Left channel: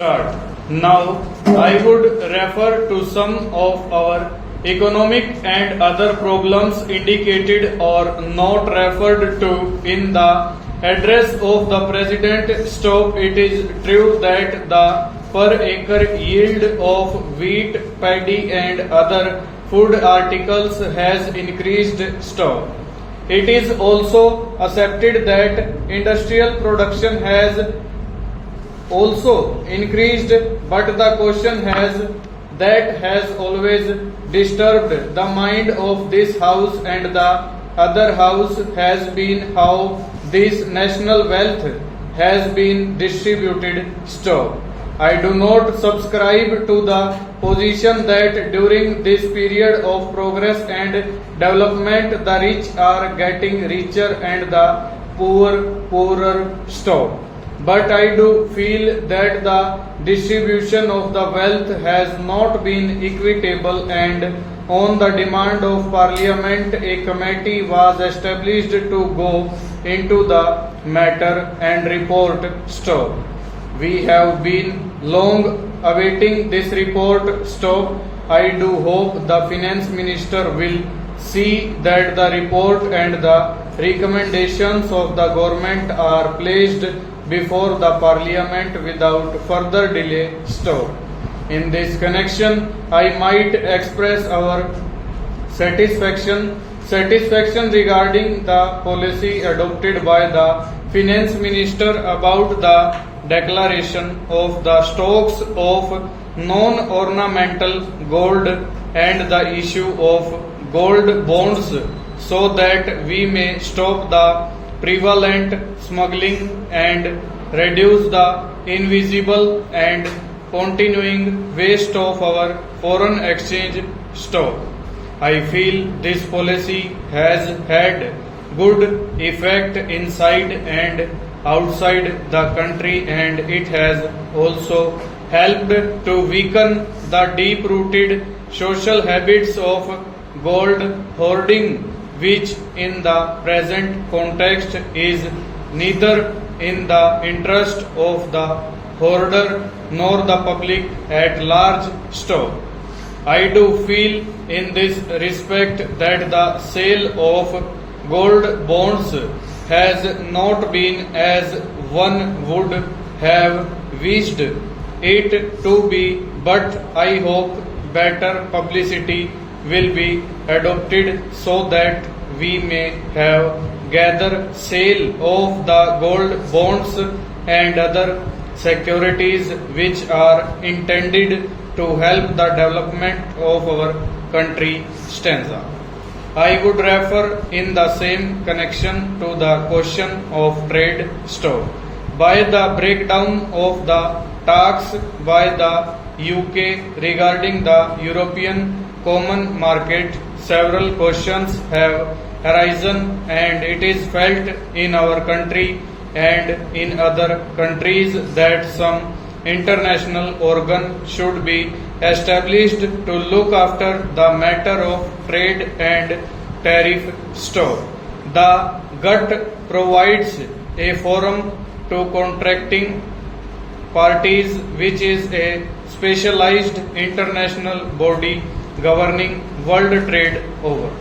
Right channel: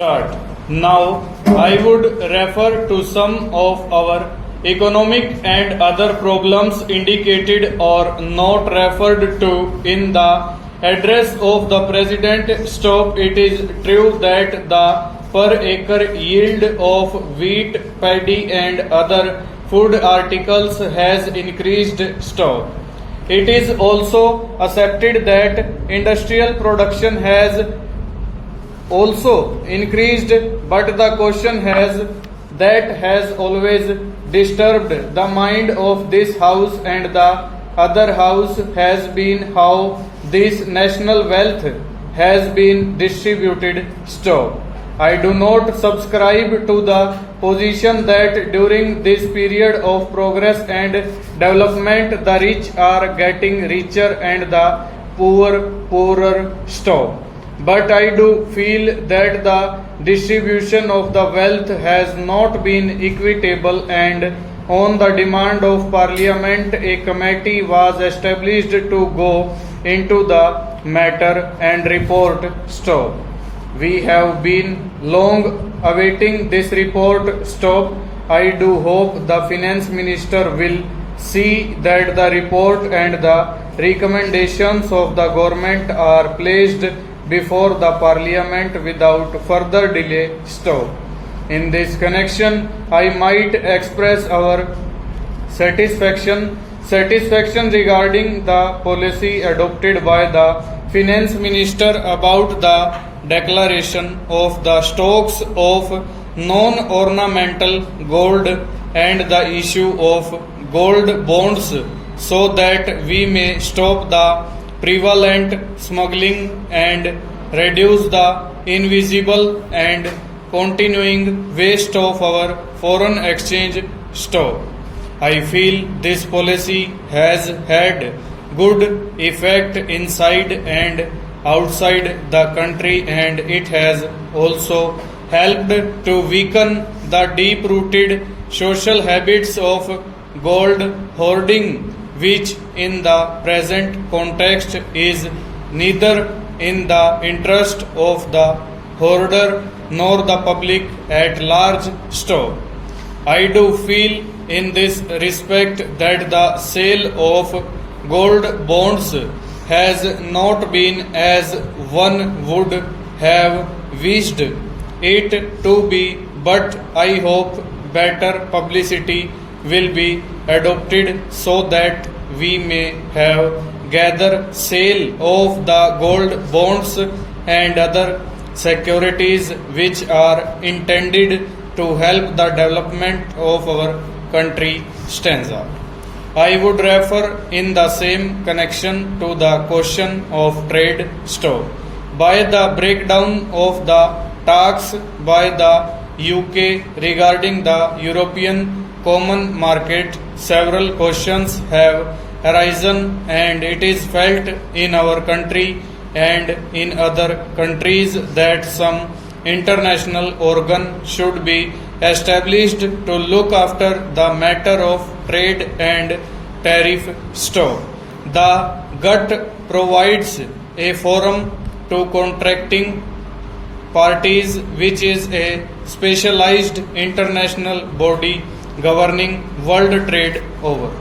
Start. Now, I would refer to some of our economic and other problems indicated or not referred to in the address of the President. Stop. It is true that the per acre yield of wheat, paddy and other food articles has increased. Stop. It is also accepted that industrial production has also increased, but the question has always disturbed the mind of this house and the other house has been how this national wealth has been distributed. Stop. I do not subscribe to the position that during this period of progress and development the rich are getting richer and the poor poorer. Stop. But I do feel that the distribution of the wealth has not been equitable, and on the demand of Parliament, a committee was established to go into the matter and report. Stop. We have been long awaiting this report. Stop. I do hope the Finance Minister will see that the report and the recommendations of the government are placed before the Parliament without further delay. Stop. In this connection, I might express our satisfaction regarding the policy adopted by the Finance Minister about the declaration of the stocks of non-ornamental gold and the issue of gold bonds so that we may stop the prevalent smuggling and reduce the invisible and continuing waste of our foreign exchange stock. I feel this policy has had good effect inside and outside the country, and it has also helped to weaken the deep-rooted social habits of gold hoarding, which in the present context is neither in the interest of the hoarder nor the public at large. Stop. I do feel in this respect that the sale of gold bonds has not been as one would have wished it to be, but I hope better publicity will be adopted so that we may have gather sale of the gold bonds and other securities which are intended to help the development of our country. Stanza. I would refer in the same connection to the question of trade. Stop. By the breakdown of the talks by the UK regarding the European Common Market, several questions have arisen, and it is felt in our country and in other countries that some international organ should be established to look after the matter of trade and tariff. Stop. The GUT provides a forum to contracting parties, which is a specialized international body governing world trade. Over.